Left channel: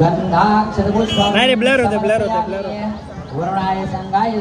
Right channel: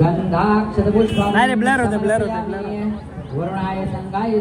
नाही रे, ब्लर होते वर्णाय संगाय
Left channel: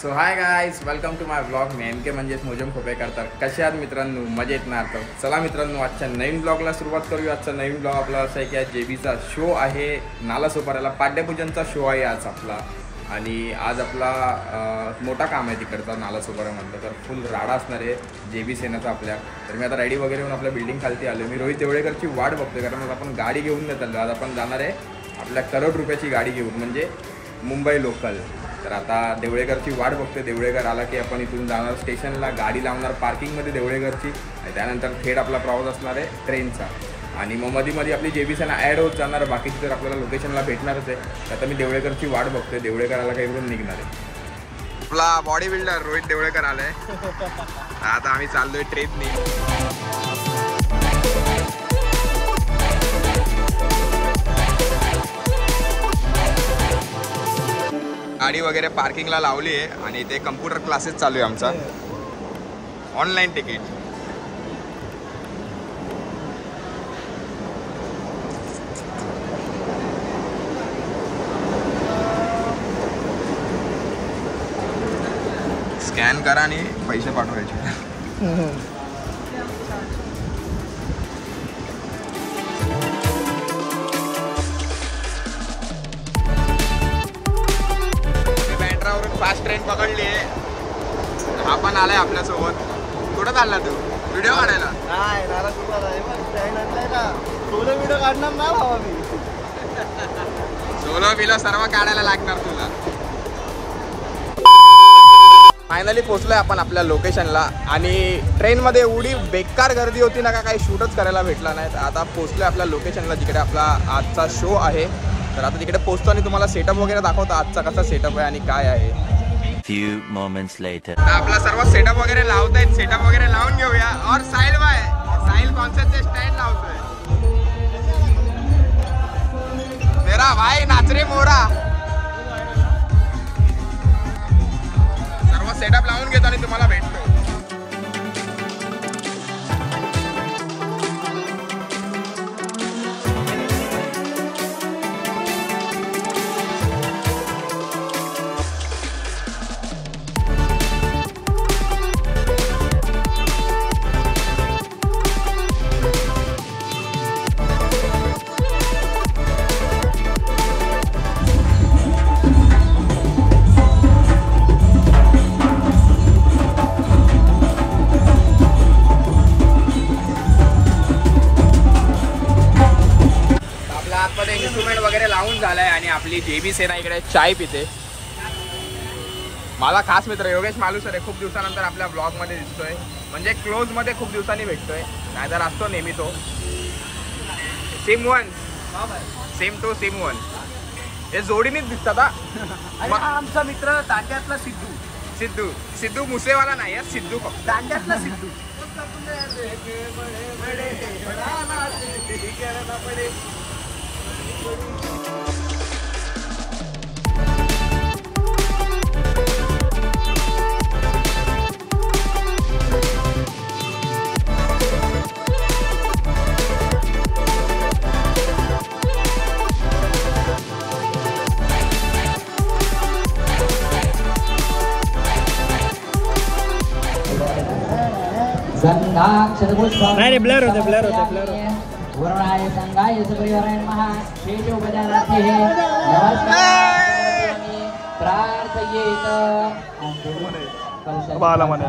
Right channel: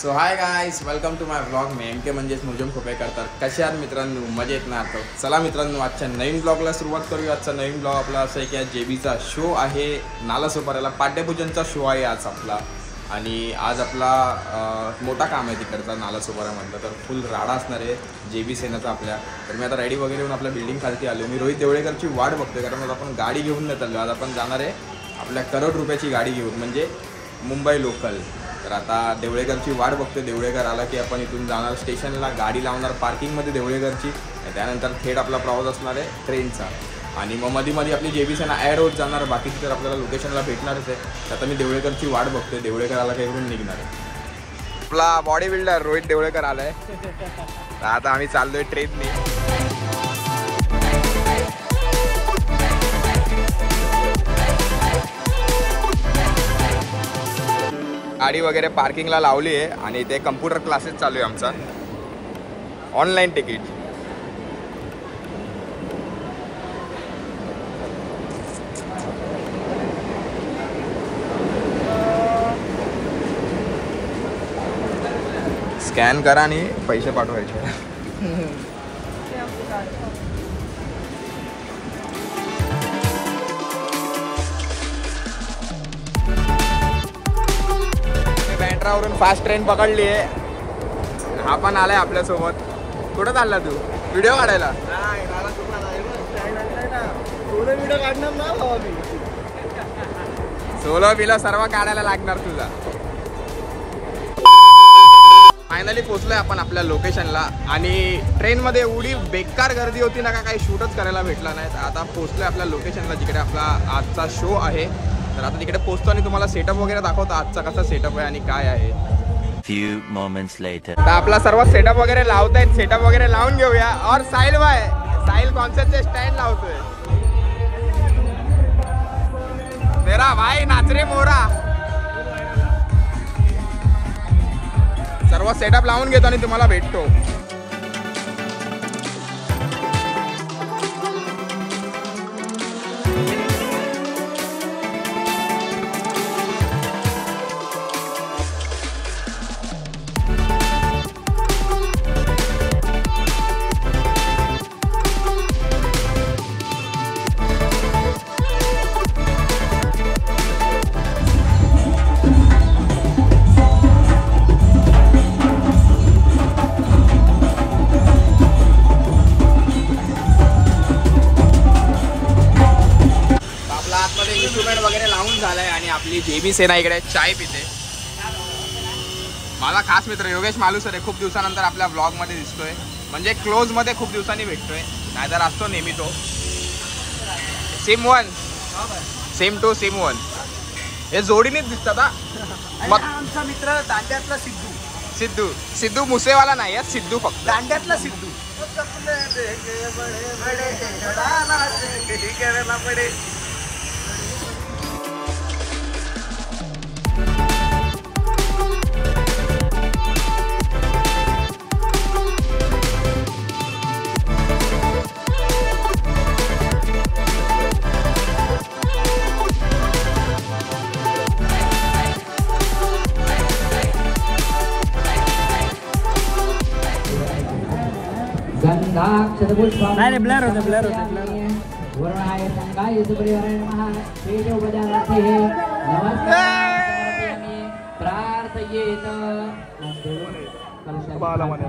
so hi guys, welcome to my blog. मी एम के म्हणजेच मोजम खोपेकर. तर कसे आहात मित्रांनो? मजेत ना? तर चला मित्रांनो, आजच्या नवीन ब्लॉगला सुरुवात करूया. आजचा नवीन ब्लॉग आपला असा आहे की आज जेबीचा शो आहे नालासोपाऱ्याला. पाड्यपूजनचा शो आहे आज आपला. आणि आज आपला मोठा काम आहे तिकडचा नालासोपाऱ्यामधलं. तर फुल राडा असणार आहे जेबी सेनाचा आपल्या. तर मी आता रेडी वगैरे होऊन आपल्या बिल्डिंग खालती आलो. मी रोहित देवळेकरची वाट बघतोय, कारण आज आपण गाडी घेऊन नाही चाललो. आज आपण जाणार आहे आपल्या करोड रुपयाची गाडी घेऊन, म्हणजे मुंबई लोकल. तर आता देवळेकरची वाट बघते. देवळेकर आला की आपण इथून जाणार स्टेशनला, गाडी लावणार पार्किंगमध्ये देवळेकरची. आणि त्यानंतर थेट आपला प्रवास असणार आहे ट्रेनचा. आणि मग मध्ये आपली जेबी सेना ॲड होत जाणार. बाकीची तर आपल्याला लोकेशनला भेटणारच आहे. तर आता मी देवळेकरची वाट बघतोय. देवळेकर आला का इकडून निघणार आहे. आपला बॉडी बिल्डर रोहित देवळेकर आला आहे. आता आम्ही चाललोय ट्रेनने. गाडी वगैरे पार्किंगला लावली आहे आणि ते कम्प्युटर क्लासेस चालू आहे आमचा. Online ticket. स्कॅन करा आणि पैसे पाठवायचे. वरून फास्ट ट्रेन पकडली आहे. हा पण आलाय आपल्यासोबत. कुठं चालला तू? व्हिडिओ काढायला? सोलो बिलो सर्व काढायला लागणार तुला. फायनली पोहोचलोय आपण आपल्या लोकेशनला. आणि ट्रेनमध्ये एवढी बेकार गर्दी होती ना, का काही शूटच करायला भेटला नाही. आता पोहोचलोय आपल्या लोकेशनला, जिकडे आपला आजचा शो आहे. तर आता तिकडे पोहोचतो आणि तुम्हाला सेटअप वगैरे दाखवतो आजचा कसा सेटअप आहे आणि काय आहे. Few moments later. तर आपला सर्व सेटअप वगैरे लावतायत. सेटअप वगैरे लावून घेऊया. और साहिल भाई, साहिल कॉन्सर्टचे स्टँड लावतोय. मेरा भाई नाचरे मोरा. सर्व सेटअप लावून घेतो आणि तुम्हाला भेटतो. इन्स्ट्रुमेंट वगैरे लावून झालाय आणि आपली जेबी सेना इकडे चाय पिते. माझा खास मित्र योगेश मालुसरे खूप दिवसानंतर आपल्या ब्लॉग मध्ये दिसतोय. म्हणजे क्लोज मध्ये खूप दिवसांनी भेटतोय. नाहीतर असतो नेहमी तो. Same one, same two same one. हे जोडीनेच दिसतात. आमचा मित्र दांड्यातला सिद्धू. सिद्धू सिद्धू मुसेवाला नाही, सिद्धू फक्त दांड्यातला सिद्धू. नाही रे, ब्लर होते. वर्णाय संगाय परिवाराय महा शेष उपजानाति हे नमस्कार प्रार्थयेत. बाला म्हणे.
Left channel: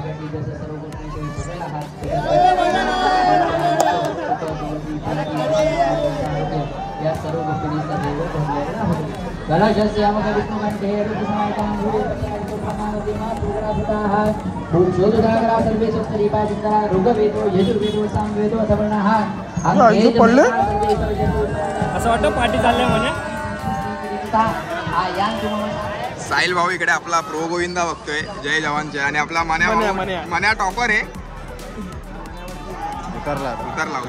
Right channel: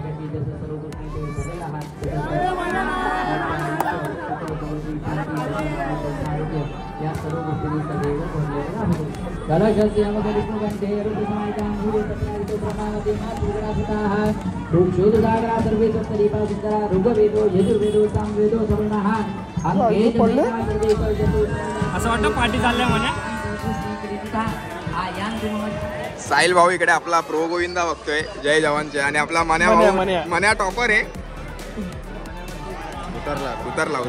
या सर्व गोष्टी सदैव भरलेलं आहे. कलशस्य अमक विष्णुकंठे ऋतुसमायकां गुरुप्रमाणते मातृगणासुताः पुरुषोदुदागरा सर्वे सुस्तरीपा चिन्तरा ऋग्वेदो यजुर्वेदो सामवेदो अथर्वणः अंगे असं वाटतं पार्टी चाललंय म्हणे. साहिल भाऊ इकडे आपला प्रो गोविंदा बघतोय जय जवानचे आणि आपला मान्या भाऊ मान्या टॉपर आहे. उतरला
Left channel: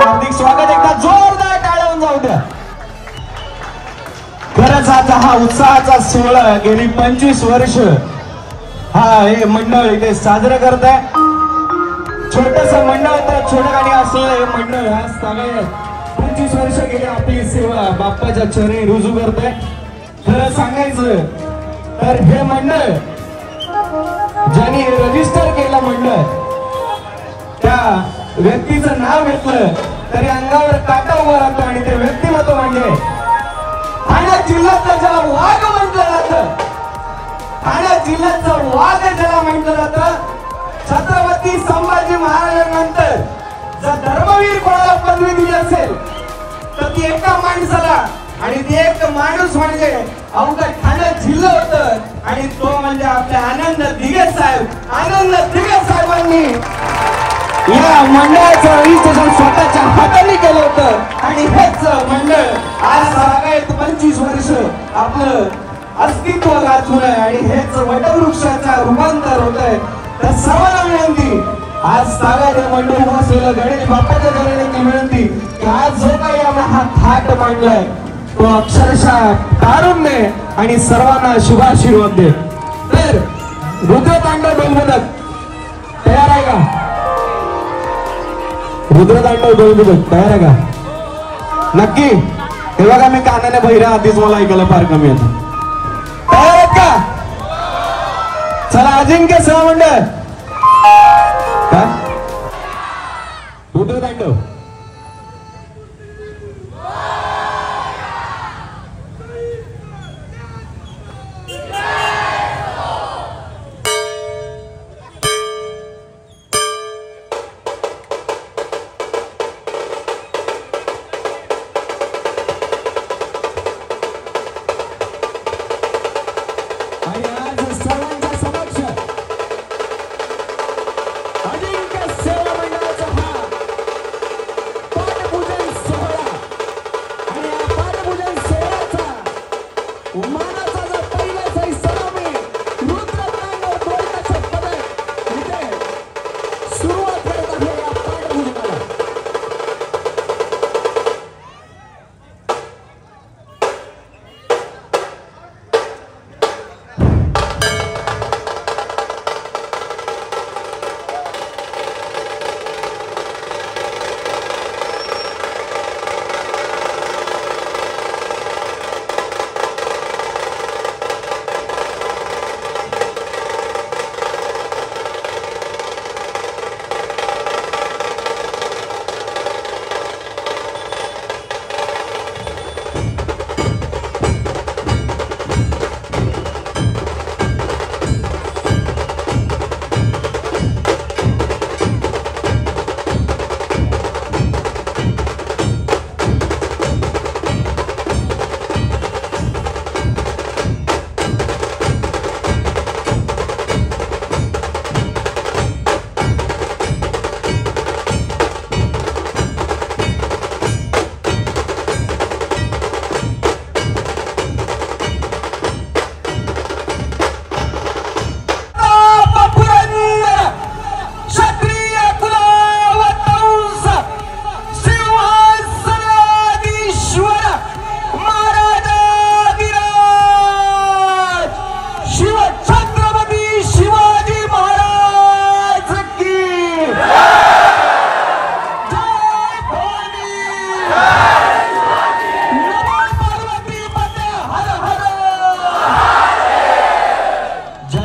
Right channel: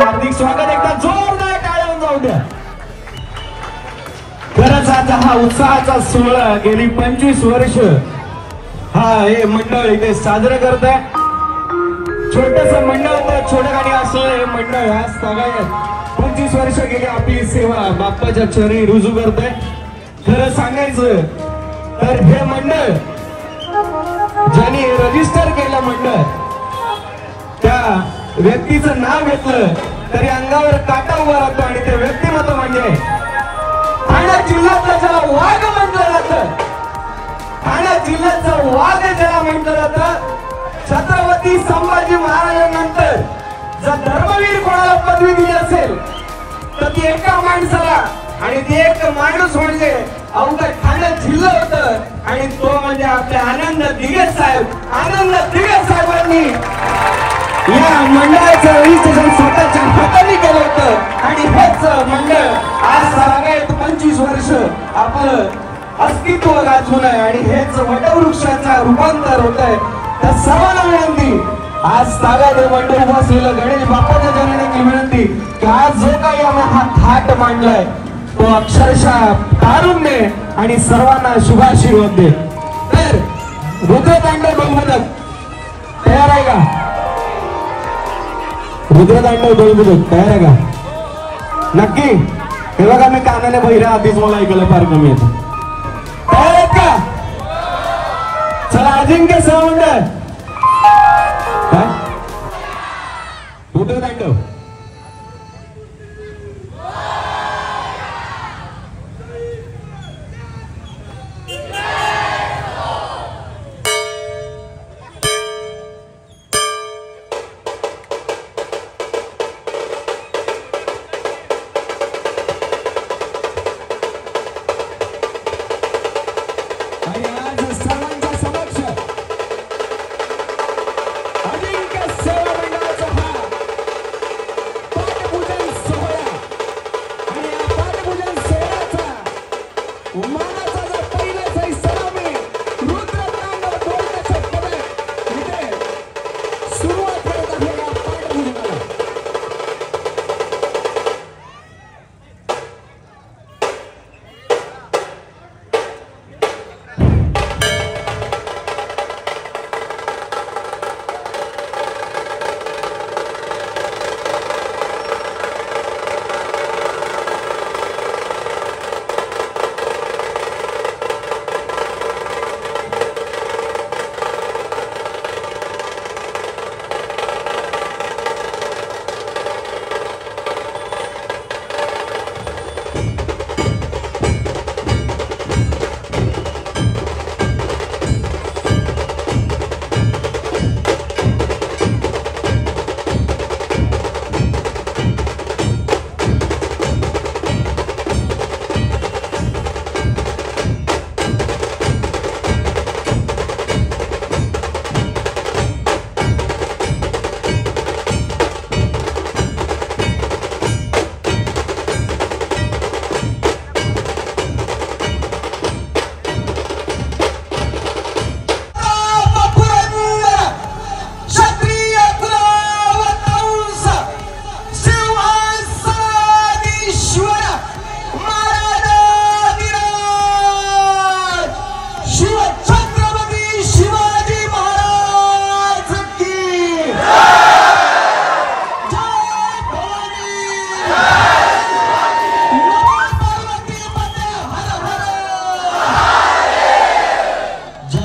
हार्दिक स्वागत. एकदा जोरदार टाळ्या जाऊ द्या. खरंच आता हा उत्साहाचा सोहळा गेली 25 वर्ष हा हे मंडळ इथे साजरं करत आहे. छोटस मंडळ तर छोटं आणि असं हे मंडळ आज सगळ्यात 25 वर्ष गेली आपली सेवा बाप्पाच्या चरणी रुजू करत आहे. खरं सांगायचं तर हे मंडळ ज्यांनी रजिस्टर केलं मंडळ त्या व्यक्तीचं नाव घेतलं तरी अंगावर काटा उभा राहतो आणि ते व्यक्तिमत्व म्हणजे ठाणे जिल्ह्याचं ज्याला वाघ म्हटलं जातं, ठाणे जिल्ह्याचं वाघ ज्याला म्हटलं जातं, छत्रपती संभाजी महाराजांनंतर जर धर्मवीर कोणाला पदवी दिली असेल तर ती एका माणसाला आणि ती एक माणूस म्हणजे अवघड ठाणे जिल्हा होतं आणि तो म्हणजे आपले आनंद दिघे साहेब. आनंद दिघे साहेबांनी या मंडळाचं रजिस्ट्रेशन स्वतःच्या हाताने केलं होतं आणि हेच मंडळ आज सगळ्यात 25 वर्ष आपलं अस्तित्व गाजून आहे आणि हेच वटवृक्षाचं रूपांतर होत आहे. तर सर्वांना विनंती आज सगळ्यात मंडळ उभं असलेलं गणेश बाप्पाच्या जनांची विनंती की आज जो काही आम्ही हा थाट मांडलाय तो अक्षरशः कारुण्य आणि सर्वांना शुभाशीर्वाद दे. तर रुद्रतांडव बहुमतक तयार आहे का? रुद्रतांडव बहुमतक तयार आहे का? नक्की. हे बघा मी कानाने बहिरा आधीच मला ऐकायला फार कमी येतं. तयार आहेत का? चला अजिंक्य सहमंडळ काय रुद्रतांडव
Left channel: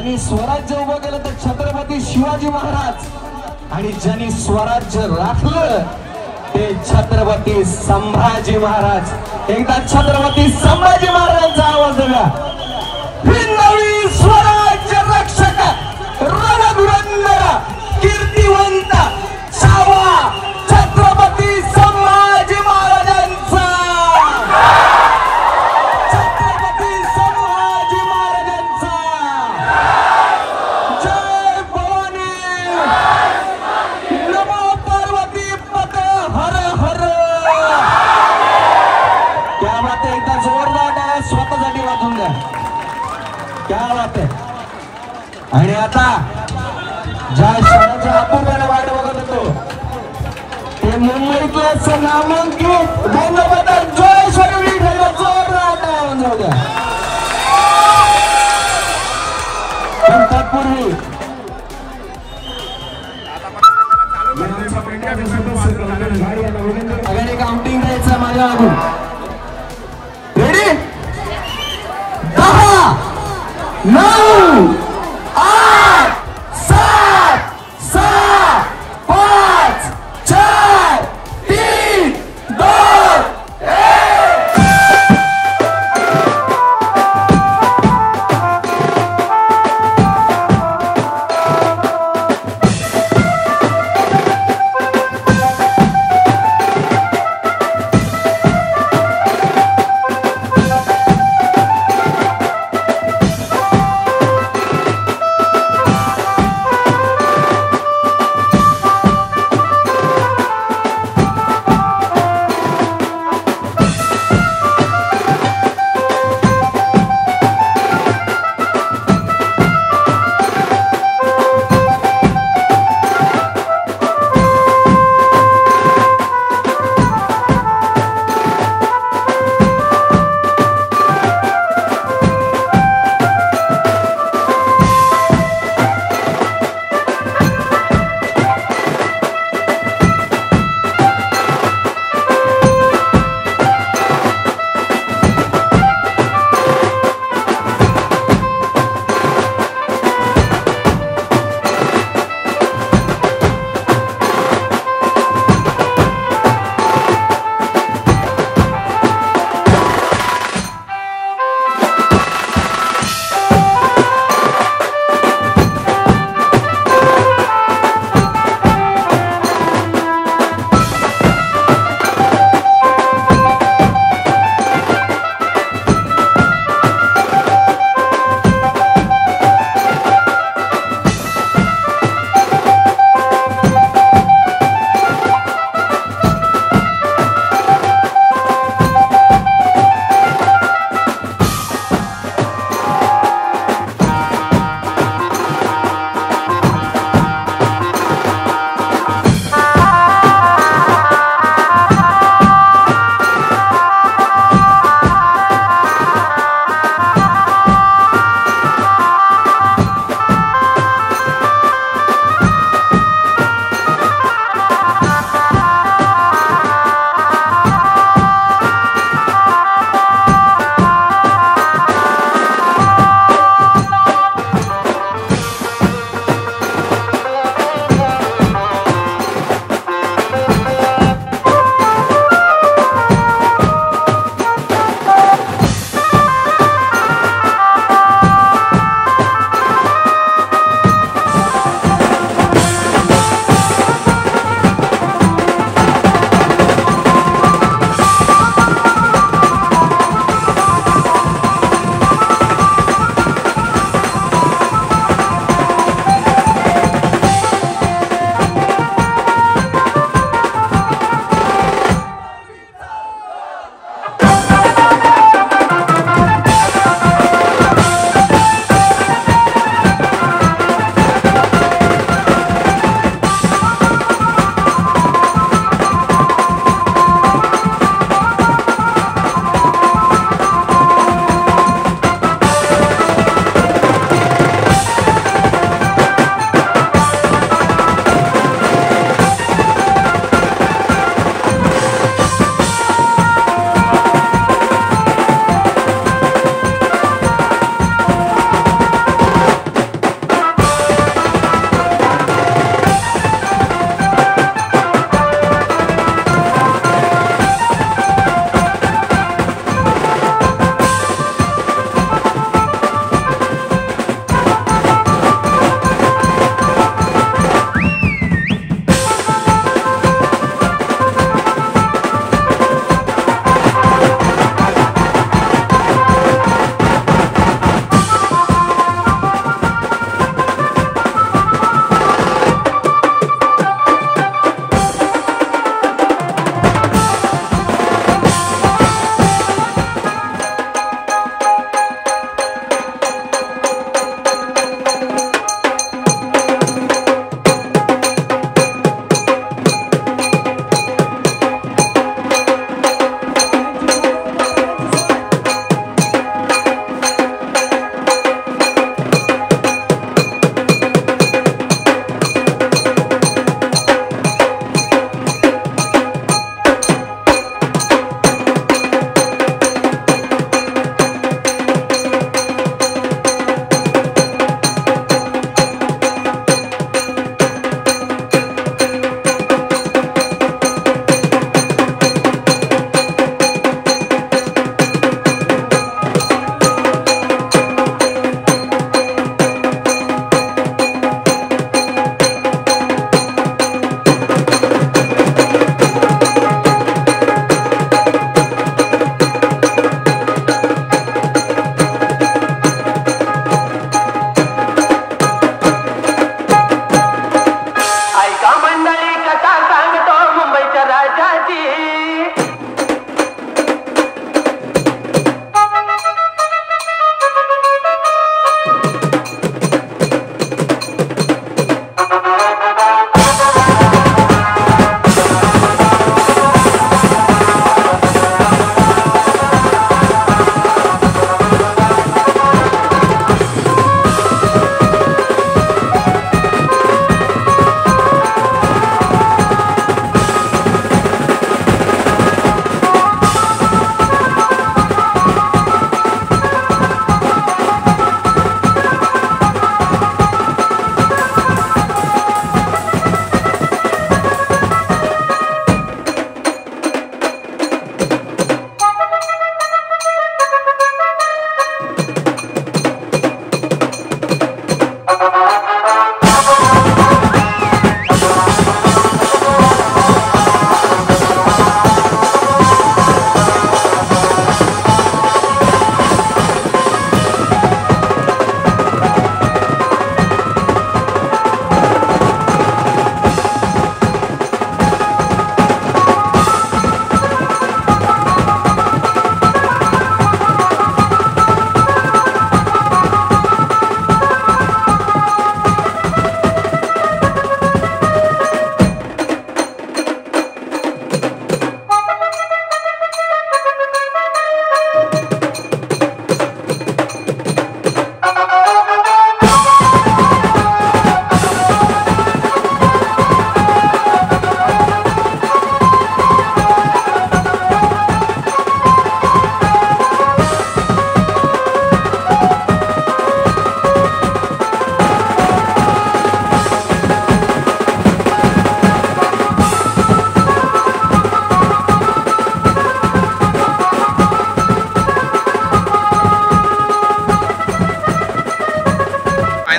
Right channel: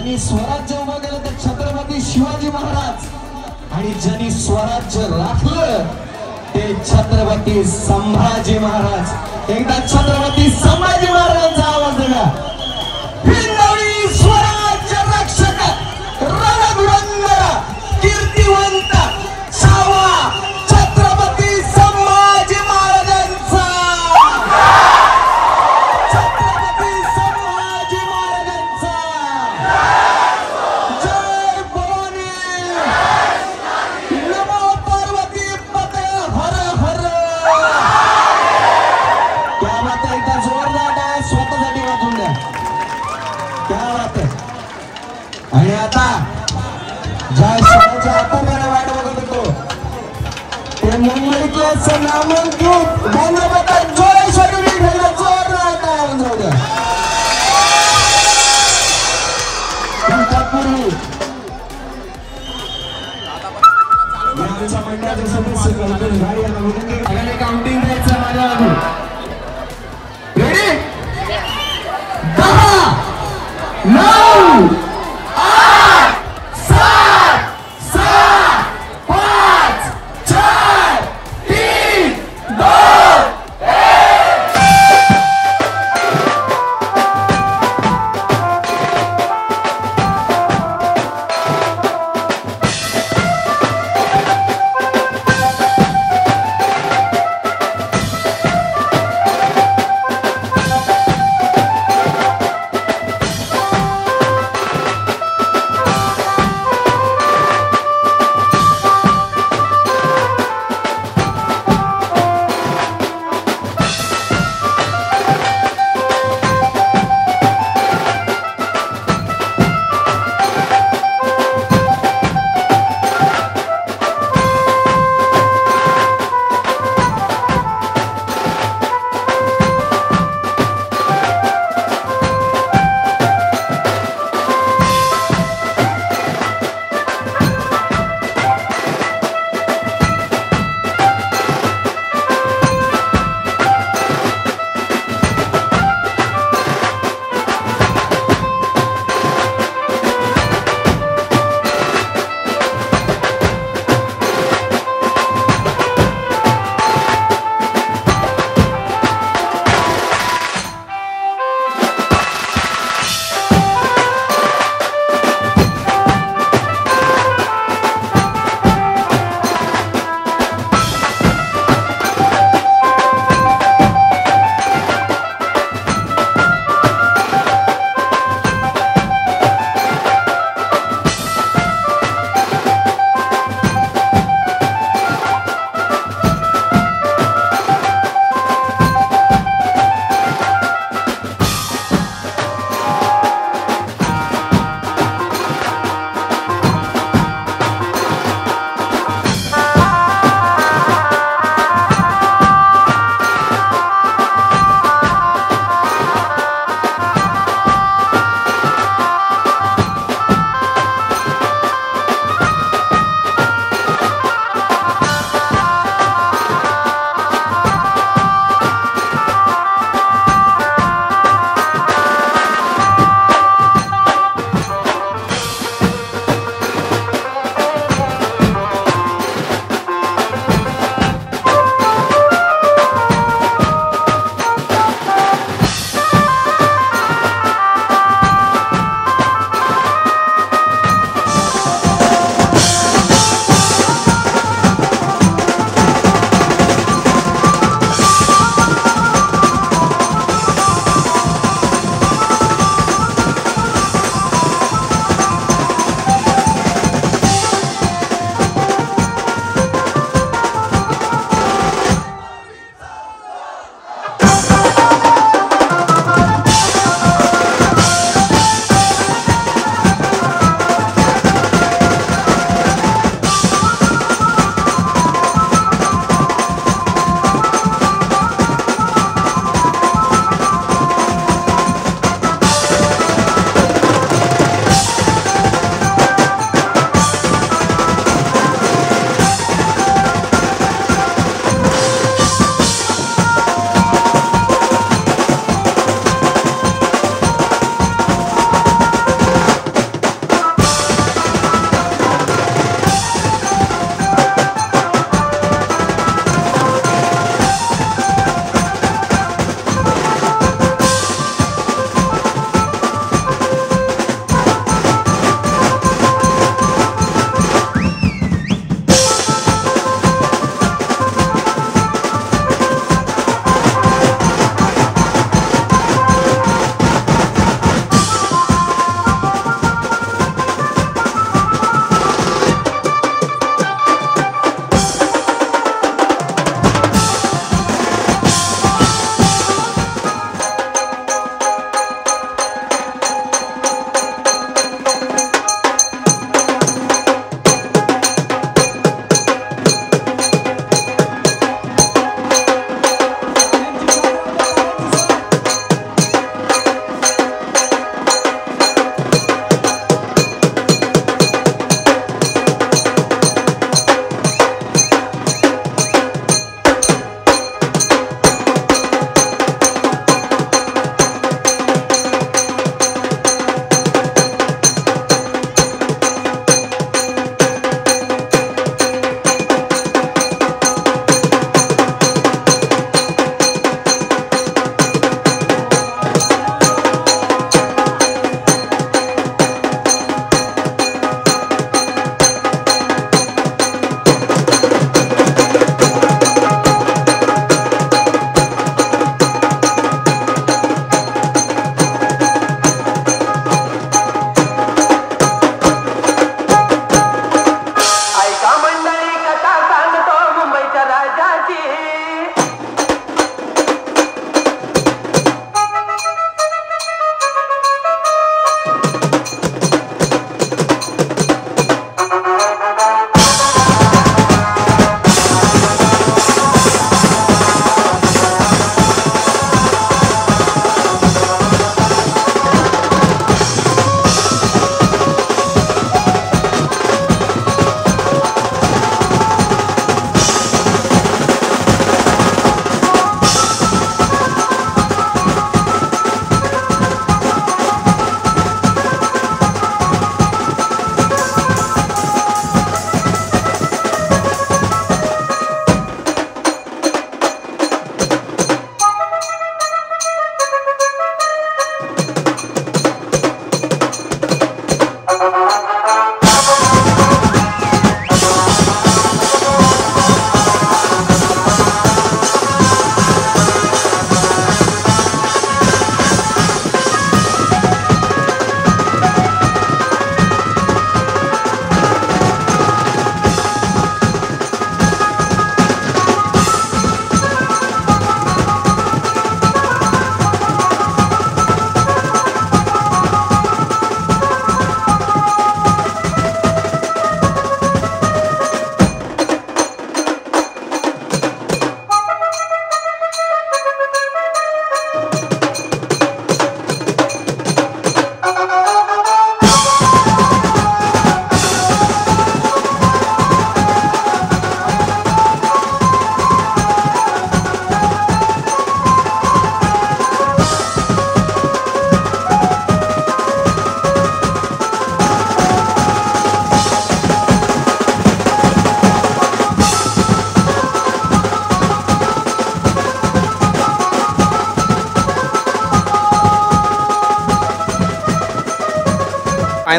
ज्यांनी स्वराज्य उभं केलं ते छत्रपती शिवाजी महाराज आणि ज्यांनी स्वराज्य राखलं ते छत्रपती संभाजी महाराज। एकदा छत्रपती संभाजी महाराजांचा आवाज द्या। हिंदवी स्वराज्य रक्षक रणधुरंदर कीर्तिवंत छावा छत्रपती संभाजी महाराजांचा। छत्रपती संभाजी महाराजांचा जय भवानी नमो पार्वती पते हर हर। क्या बात है, इथं जोरदार आहे, स्वतःसाठी वाजून द्या। क्या बात है। आणि आता ज्या शाळेचे आपण जरा वाट बघत होतो ते मुंबईतले संग्रामांकित रंगपथक जोरेश्वरी विठ्ठल जोरदार टाळ्या वाजवू द्या। सगळ्यांनी काउंटिंग द्यायचं माझ्या मागून। रेडी 10 9 8 7 6 5 4 3 2 1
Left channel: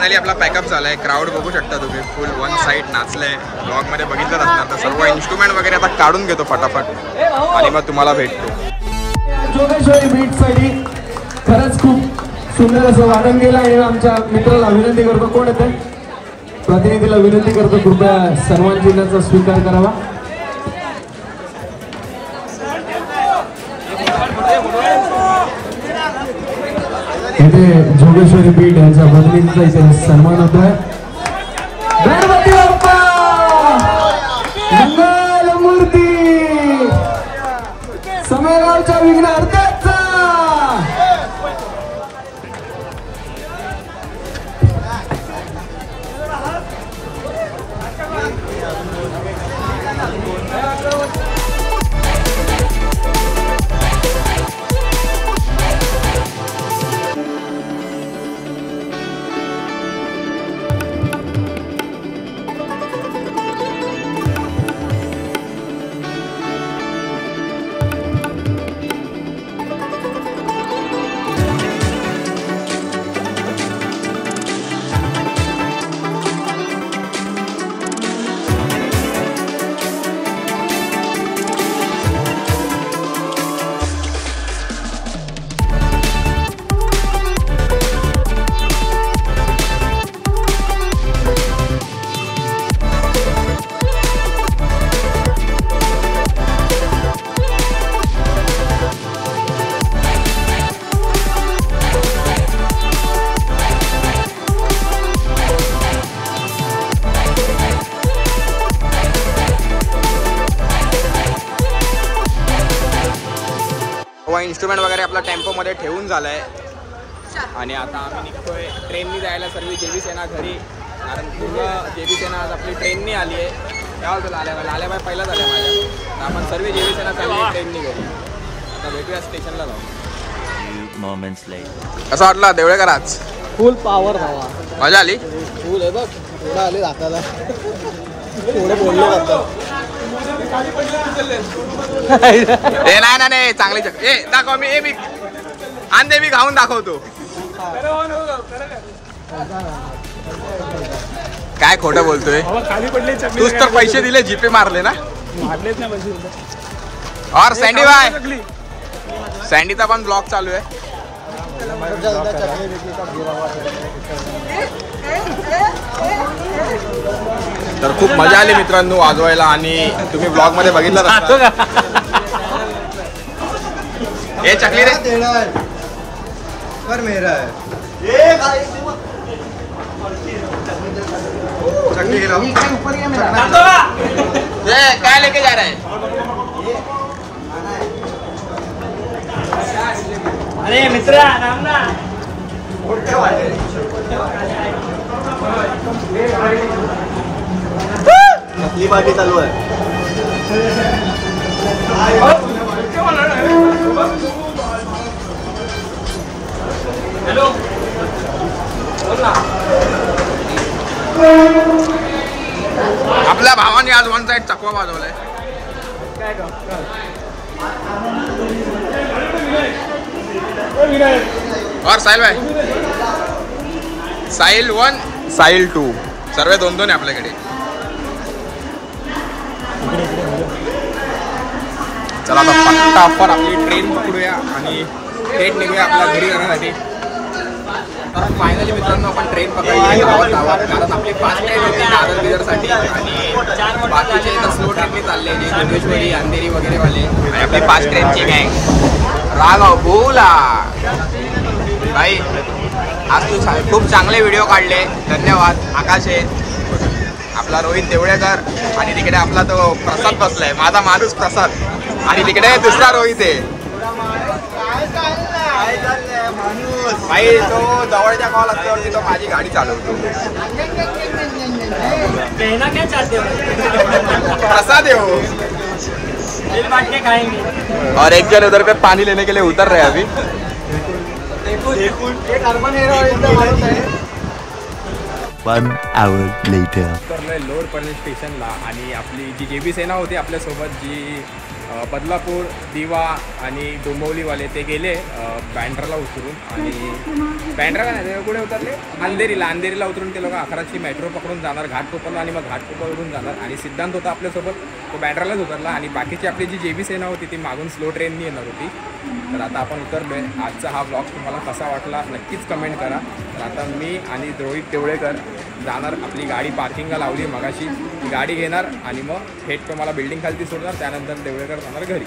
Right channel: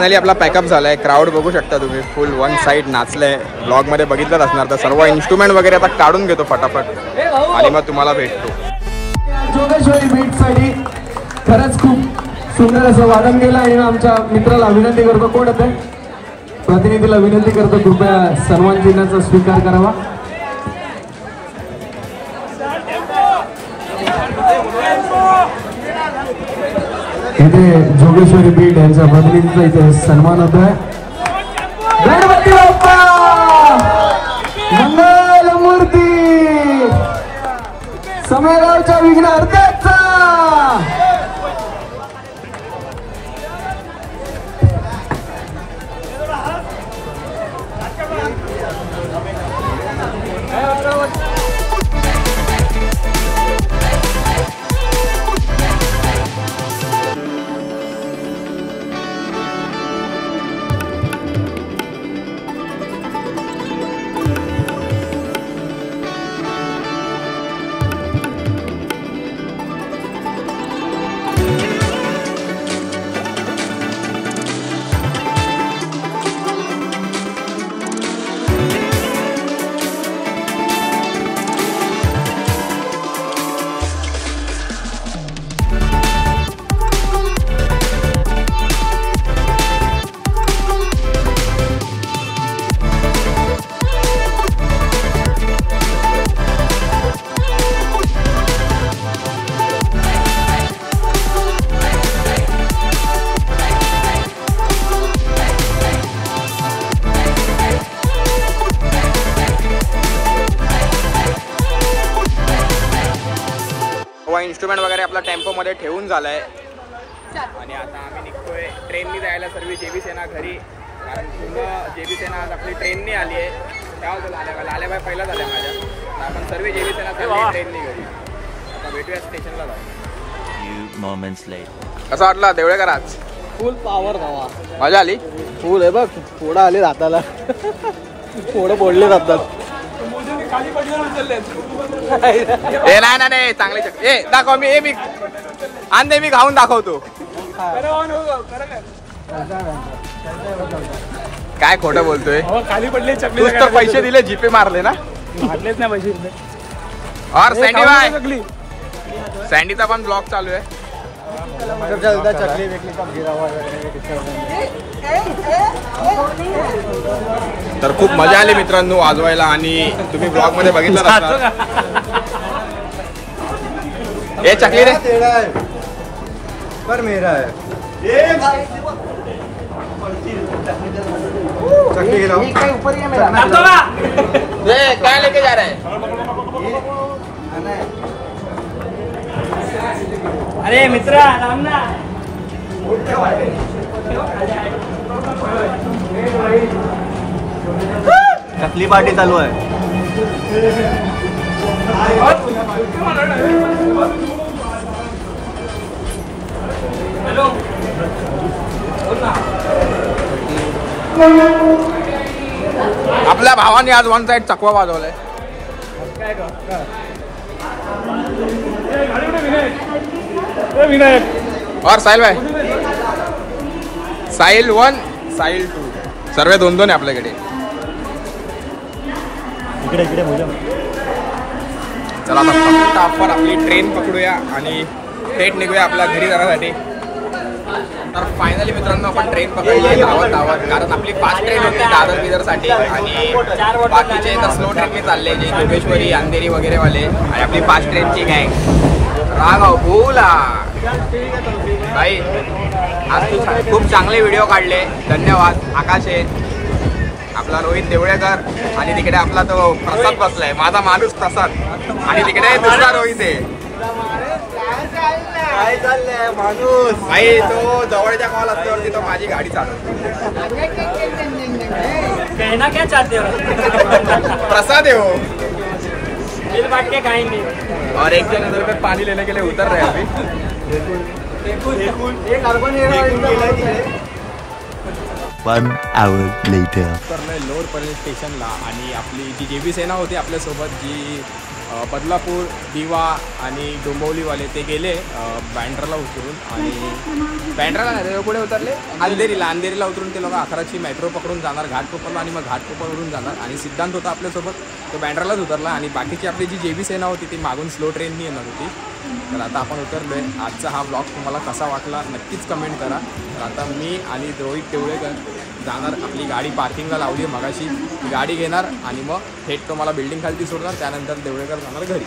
फायनली आपला पॅकअप झालाय. क्राऊड बघू शकता तुम्ही, फुल वन साईड नाचलंय. ब्लॉग मध्ये बघितलंच असणार. तर सर्व इन्स्ट्रुमेंट वगैरे आता काढून घेतो फटाफट आणि मग तुम्हाला भेटतो. जोगेश्वरी बीटसाठी खरंच खूप सुंदर असं वादन केलं आणि आमच्या मित्राला विनंती करतो, कोण येते प्रतिनिधीला विनंती करतो, कृपया सन्मान चिन्हाचा स्वीकार करावा. इथे जोगेश्वरी बीट यांच्या प्रतिनिधीचा इथे सन्मान होत आहे. गणपती बाप्पा मंगल मूर्ती समेगावच्या विघ्नहर्त्याचा. इन्स्ट्रुमेंट वगैरे आपला टेम्पोमध्ये ठेवून झालाय आणि आता आम्ही निघतोय ट्रेननी जायला. सर्व जेबी सेना घरी, कारण पूर्ण जेबी सेना आज आपली ट्रेननी आली आहे. काय होतं लाल्याबाई पहिलाच आल्या माझ्या. तर आपण सर्व जेबी सेना चालली आहे ट्रेननी घरी. आता भेटूया स्टेशनला जाऊ. कसं वाटलं देवळेकर आज? फुल पावर भावा, मजा आली. फुल आहे बघ, थोडं आले दाताला, थोडं बोलले जातात. ए नाही चांगली ए दाखव. मी आणते, मी खाऊन दाखवतो. काय खोटं बोलतोय? खाली पडले तूच तर पैसे दिले, जीपे मारले ना? मारलेच ना पैसे. और सँडी बाय, सँडीचा पण ब्लॉग चालू आहे. तर खूप मजा आली मित्रांनो वाजवायला आणि तुम्ही ब्लॉग मध्ये बघितलं ना. ए चकली रे क्या लेके जा रहा है? अरे मित्रा आपली पार्टी चालू आहे. हॅलो, आपल्या भावाने आज वन साइड चकवा वाजवलाय. काय का और साहिल भाई, साहिल 1 साहिल 2 सर्व दोन आहे आपल्याकडे. चला आता फटाफट आपली ट्रेन पकडूया आणि थेट निघूया आपल्या घरी जाण्यासाठी. तर फायनली मित्रांनो आपण ट्रेन पकडली धावत, कारण आपली फास्ट ट्रेन होती दादर बिदरसाठी आणि बाकीचे तर स्लो ट्रेनने चालले, जे जोगेश्वरी अंधेरी वगैरे वाले. आणि आपली फास्ट ट्रेनची गँग राघव बोला भाई, आज तू खूप चांगले व्हिडिओ काढले, धन्यवाद. आकाश आहे, आपला रोहित देवळेकर आणि तिकडे आपला तो प्रसाद बसलाय, माझा माणूस प्रसाद, आणि तिकडे दुसरा रोहित आहे भाई. तो जवळच्या कॉल असल्यावरती तो माझी गाडी चालवतो. कहना क्या चाहते हो? प्रसाद है वो, दिल बांट के खाएंगे. और एक जन उधर पे पानी लेने के लिए उतर रहे अभी. 1 hour later. उतरलोय लोअर पनवेल स्टेशनला आणि आपली जी जेबी सेना होती आपल्यासोबत, जी बदलापूर, दिवा आणि डोंबिवलीवाले ते गेले बँड्राला उतरून आणि बँड्राला नाही ते पुढे उतरले अंधेरीला उतरून ते लोक 11ची मेट्रो पकडून जाणार घाटकोपरला आणि मग घाटकोपरवरून जाणार आणि सिद्धांत होता आपल्यासोबत तो बँड्रालाच उतरला आणि बाकीची आपली जी JB सेना होती ती मागून स्लो ट्रेननी येणार होती. तर आता आपण उतरलो आहे. आजचा हा ब्लॉग तुम्हाला कसा वाटला नक्कीच कमेंट करा. तर आता मी आणि रोहित देवळेकर जाणार, आपली गाडी पार्किंगला लावली आहे मगाशी, गाडी घेणार आणि मग थेट तुम्हाला बिल्डिंग खालती सोडणार. त्यानंतर देवळेकर जाणार घरी.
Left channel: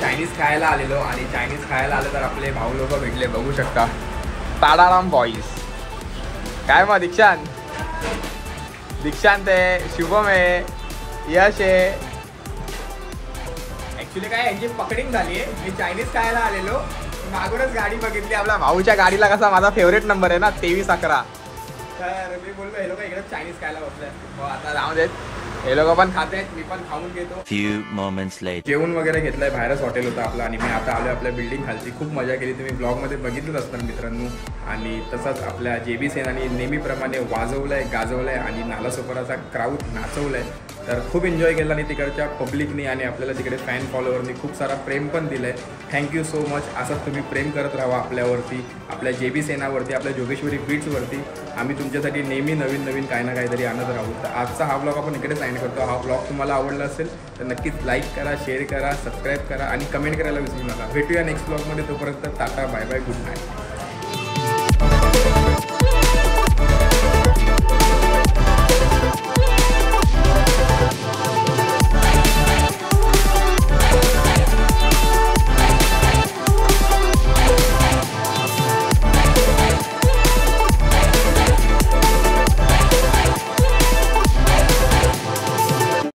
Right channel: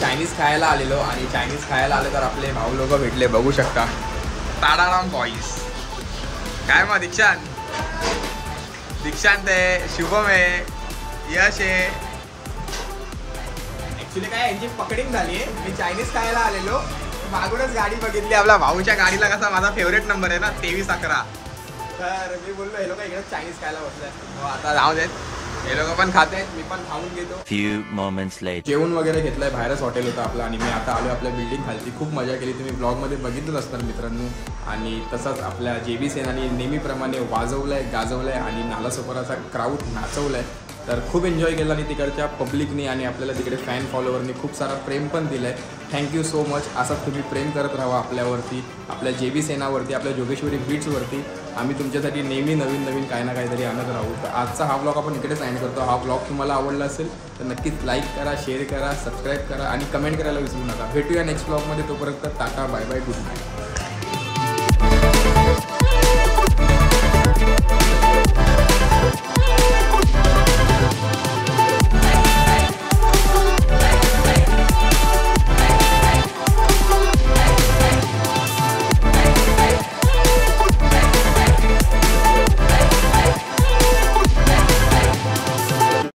चायनीज खायला आलेलो आणि चायनीज खायला आलं तर आपले भाऊ लोक भेटले, बघू शकता. ताडाराम बॉईज. काय मग दीक्षांत आहे, शुभम आहे, यश आहे. ॲक्च्युली काय यांची पकडिंग झाली आहे. मी चायनीज खायला आलेलो, मागूनच गाडी बघितली. आपल्या भाऊच्या गाडीला कसा माझा फेवरेट नंबर आहे ना 2311. तर मी बोललो हे लोक इकडे चायनीज खायला बसले असतील, मग आता जाऊ देत. हे लोक पण खात आहेत, मी पण खाऊन घेतो. Few moments later. जेवण वगैरे घेतलंय, बाहेरच हॉटेल होतं आपलं आणि मी आता आलो आपल्या बिल्डिंग खालती. खूप मजा केली, तुम्ही ब्लॉगमध्ये बघितलंच असणार मित्रांनो. आणि तसंच आपल्या JB सेनानी नेहमीप्रमाणे वाजवलंय, गाजवलंय आणि नालासोपाराचा क्राऊड नाचवलंय. तर खूप एन्जॉय केला आणि तिकडच्या पब्लिकनी आणि आपल्याला तिकडे फॅन फॉलोवरनी खूप सारा प्रेम पण दिलं आहे. Thank you so much. असंच तुम्ही प्रेम करत राहा आपल्यावरती, आपल्या JB सेनावरती, आपल्या जोगेश्वरी बीचवरती. आम्ही तुमच्यासाठी नेहमी नवीन काही ना काहीतरी आणत राहू. तर आजचा हा ब्लॉग आपण इकडे साइन करतो. हा ब्लॉग तुम्हाला आवडला असेल तर नक्कीच लाईक करा, शेअर करा, सबस्क्राईब करा आणि कमेंट करायला विसरू नका. भेटूया नेक्स्ट ब्लॉगमध्ये. तोपर्यंत tata, bye bye, good night.